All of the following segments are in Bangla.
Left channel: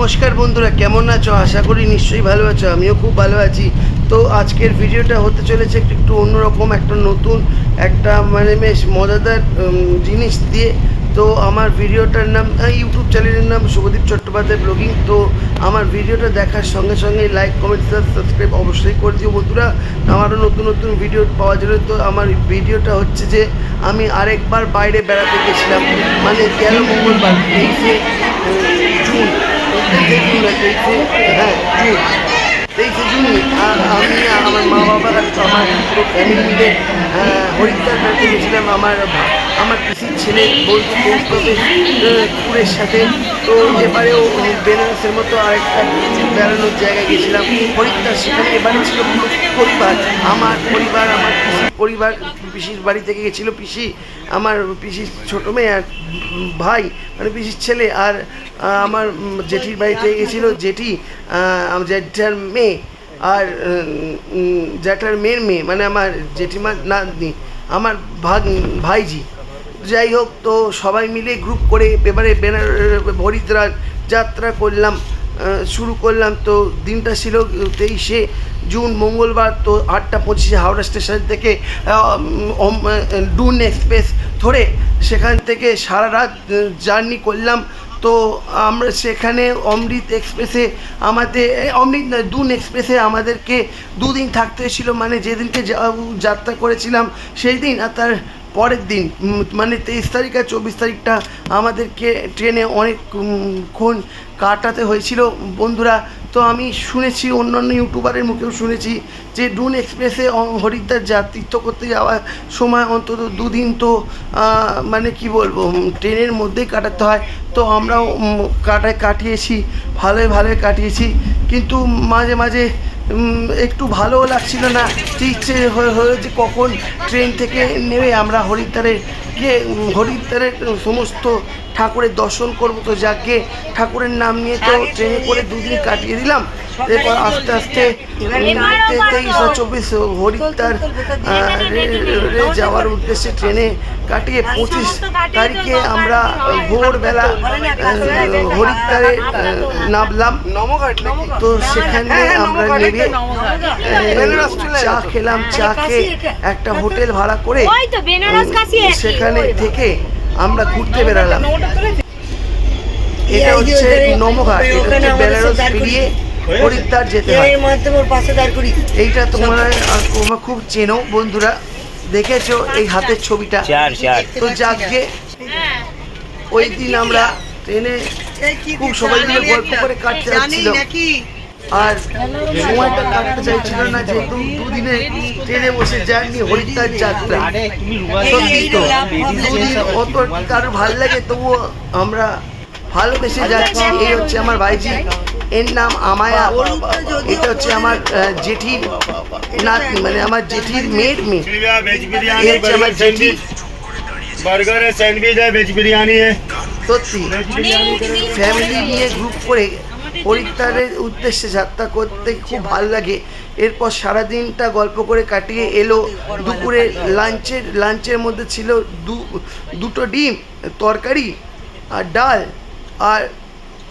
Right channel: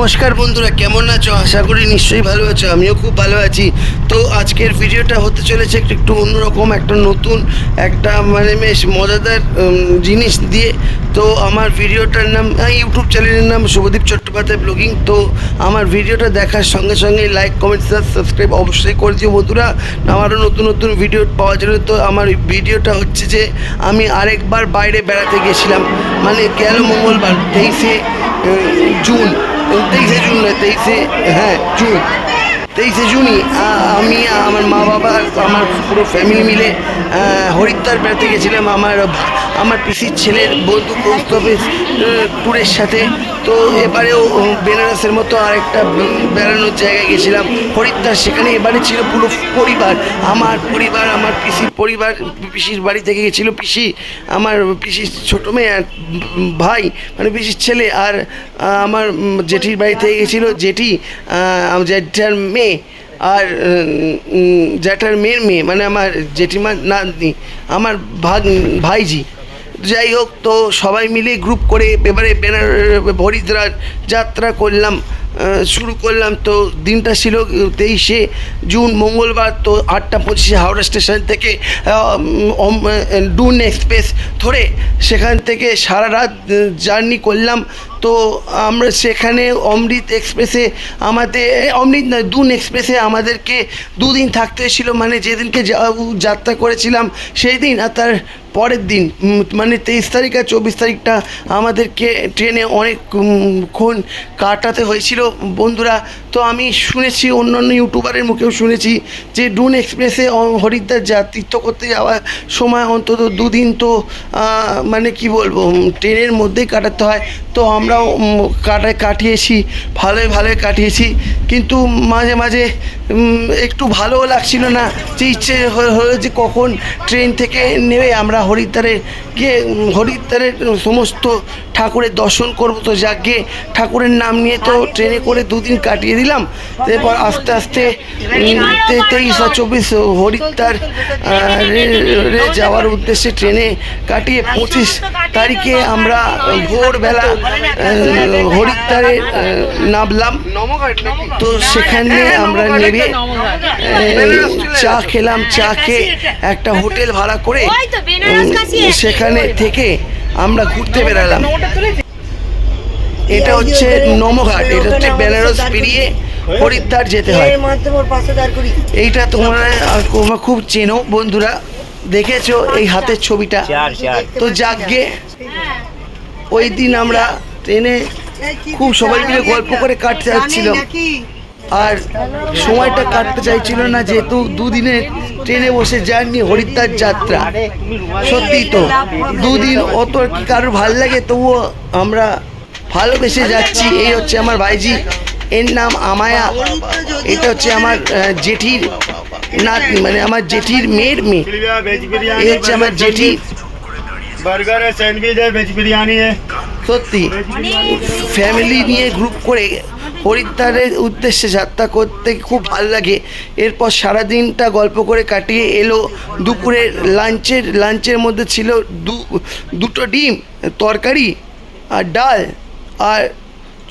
নমস্কার বন্ধুরা, কেমন আছো? আশা করি নিশ্চয়ই ভালো আছো। আমিও খুব ভালো আছি। তো আজকের ভিডিওটা হতে চলেছে একটু অন্যরকম, একটা নতুন, একটা বেশ মজাদার জিনিস দিয়ে। তো আমার ভিডিওটার নাম, ইউটিউব চ্যানেলের নাম শুভদীপ চট্টোপাধ্যায় ব্লগিং। তো আমার ভিডিওটা দেখার সঙ্গে সঙ্গে লাইক, কমেন্ট, সাবস্ক্রাইব অবশ্যই করে দিও বন্ধুরা, আমারও নতুন নতুন ভিডিও পাওয়ার জন্য। তো আমার ভিডিওটা হচ্ছে যে আমি আরেকবার বাইরে বেড়াতে গেছিলাম, গেল মঙ্গলবার 23শে জুন, 23শে জুন নয়, 23শে জুনই আমি আমার মা বাবা আমার পুরো ফ্যামিলি মিলে হরিদ্বার বেড়াতে গেছিলাম আমার পিসির ছেলের বন্ধু কৌস্তবে ট্যুরের সাথে। তো এবারেও বেনারসের মতো আরেকটা বেড়ানোর জায়গায় গেছিলাম হরিদ্বার। সেখানে এবারে ছিল পুরো পরিবার, আমার পিসির পরিবার, পিসির বাড়ি থেকে গেছিলো পিসি, আমার পিসির ছোটো মেয়ে আর ভাই, পিসির ছেলে, আর আমার জেঠির বাড়ি থেকে গেছিলো জেঠি, জ্যাঠার মেয়ে, আর জ্যাঠার মেয়ের মেয়ে, আমার জেঠিমার নাতনি, আমার ভাইজি। যাই হোক, তো সবাই মিলে গ্রুপ করে এবারে হরিদ্বার যাত্রা শুরু করলাম। তো দিনটা ছিল 23শে জুন মঙ্গলবার। তো 8:25 হাওড়া স্টেশন থেকে ডুন এক্সপ্রেস ধরে সেখান থেকে সারা রাত জার্নি করলাম। তো আমরা সেখানে অমৃত এক্সপ্রেসে ডুন এক্সপ্রেসে আমাদেরকে দুদিন থাকতে হয়েছিল, যেদিনকে যাত্রা করেছিলাম সেই দিন আর তার পরের দিন, 23 তারিখ আর 24 তারিখটা আমাদেরকে ট্রেনে অনেকক্ষণ কাটাতে হয়েছিল বন্ধুরা। তো আমি শুনেছি, অন্যান্য ইউটিউবারের মুখেও শুনেছি যে ডুন এক্সপ্রেসে হরিদ্বার তীর্থ করতে যাওয়ার সময় অন্তত দুদিন তো কি বলবো, ট্রেনের মধ্যেই কাটাতে হয়। তো আমরাও কাটিয়েছি, ভালোই কাটিয়েছি। কিন্তু মাঝে মাঝে একটু ভালোও লাগছিল না, যে ইচ্ছে হলো যে কখন ট্রেন থেকে নেমে আমরা হরিদ্বারের সমস্ত ঠাকুরের দর্শন করবো। তো যাকে ঠাকুরের নাম নিয়ে তো ট্রেনে করে দুদিন কাটিয়ে দিলাম। এরপর আস্তে আস্তে 23 আর 24 হরিদ্বার যাওয়ার উদ্দেশ্যে ট্রেনে কাটিয়ে 25 তারিখে আমরা ভোরবেলা হরিদ্বারে নামলাম। তো সেখানে আমরা নেমে চা খেলাম, চা খেয়ে একটা হোটেল ভাড়া করে সেখানে থেকে আমরা ঘুরতে বেরালাম। এটা হচ্ছে নমঘাট, এটা হচ্ছে বেনারস পেরিয়ে হরিদ্বার যেতে হয়। এইটা তোমরা খুব চেনো বন্ধুরা, দেখেছো এই হাতের ছবিটা। তো যাকে ওই দিন আমরা ট্রেনে খুব সবাই মিলে গল্প করে কাটতে যাচ্ছিল, আর সময়টা কাটতে চাইছিল না, যেহেতু দুদিনে ট্রেনে বসে জার্নি হরিদ্বার যাত্রা। সত্যি তো দুদিন অত কারোর ভাল লাগে, তবুও আমরা ভালোবেসে যাচ্ছি। এই হচ্ছে আমার ভাইজি, এর নাম আমায়া। এটা হচ্ছে আমার জেঠির নাতনি, আমার জেঠির মেয়ের মেয়ে। এই হচ্ছে আমার জেঠি। সত্যি ফ্যামিলি নিয়ে গ্রুপ করে হরিদ্বারের উদ্দেশ্যে যাত্রা করতে খুব ভালো লাগে। এরপর সারাদিনটা গল্প করে কাটিয়ে এলো দুপুরের লাঞ্চের মধ্যে ছিল দুটো ডিম তরকারি আর ডাল আর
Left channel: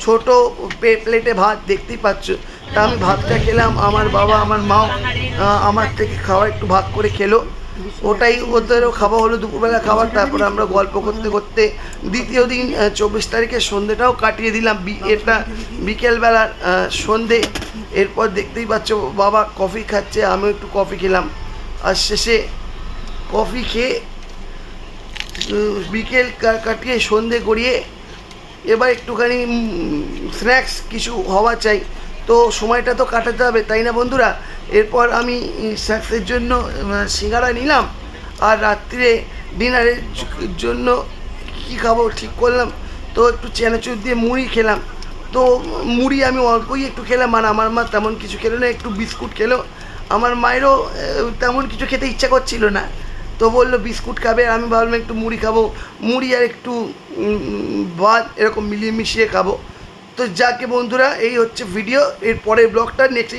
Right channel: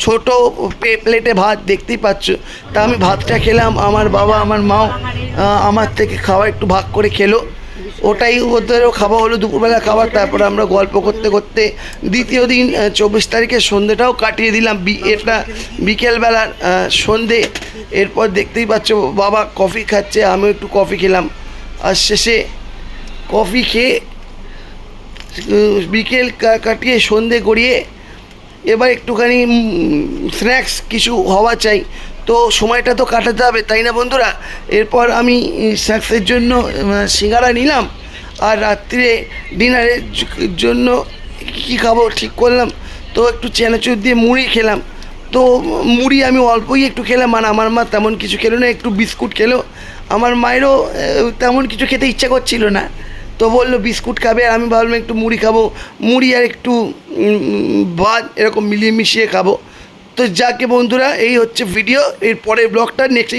ছোটো প্লেটে ভাত, দেখতেই পাচ্ছ। তা আমি ভাতটা খেলাম, আমার বাবা আমার মাও আমার থেকে খাওয়া একটু ভাগ করে খেলো। ওটাই ওদেরও খাওয়া হলো, দুপুরবেলা খাবার। তারপরে আমরা গল্প করতে করতে দ্বিতীয় দিন 24 তারিখের সন্ধ্যেটাও কাটিয়ে দিলাম। এটা বিকেলবেলার সন্ধে। এরপর দেখতেই পাচ্ছ বাবা কফি খাচ্ছে, আমিও একটু কফি খেলাম। আর শেষে কফি খেয়ে বিকেল কাটিয়ে সন্ধে গড়িয়ে এবার একটুখানি স্ন্যাক্স কিছু হওয়া চাই, তো সময়টা তো কাটাতে হবে, তাই না বন্ধুরা? এরপর আমি স্ন্যাক্সের জন্য সিঙ্গারা নিলাম, আর রাত্রে ডিনারের জন্য কী খাবো ঠিক করলাম। তো একটু চানাচুর দিয়ে মুড়ি খেলাম। তো মুড়ি আমি অল্পই একটু খেলাম, আমার মা তেমন কিছু খেলো না, একটু বিস্কুট খেলো। আমার মায়েরও তেমন কিছু খেতে ইচ্ছা করছিল না, তো বললো বিস্কুট খাবে, আর আমি ভাবলাম একটু মুড়ি খাবো, মুড়ি আর একটু ভাত এরকম মিলিয়ে মিশিয়ে খাবো। তো যাকে বন্ধুরা, এই হচ্ছে ভিডিও। এর পরের ব্লগটা নেক্সট